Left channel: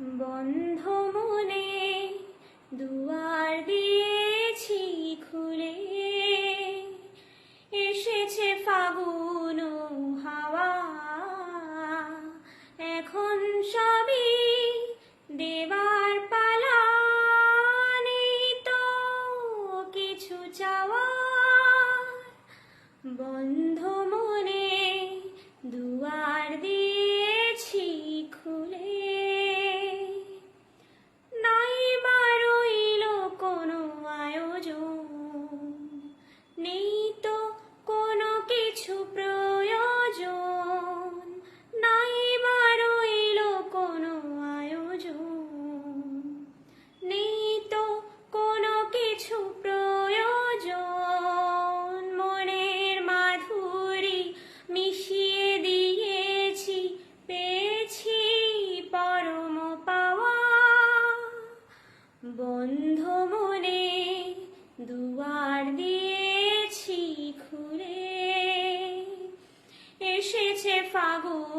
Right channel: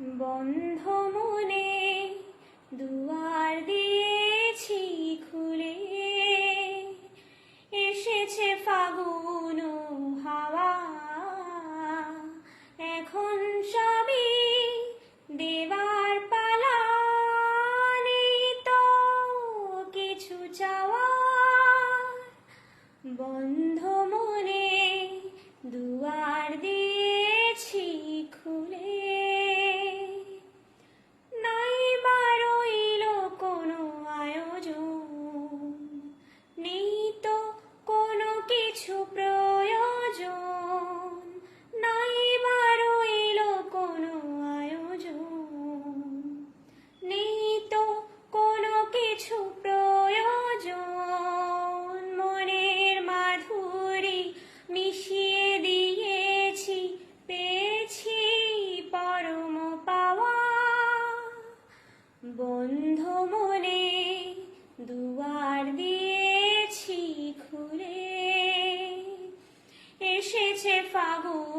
বন্ধ মনে দুয়ার দিয়েছি খুলে। এসেছে ফাগুন হাওয়া। এখন সবই দেওয়ার পালা। নেই তো কিছু চাও এসেছে ফাগুন।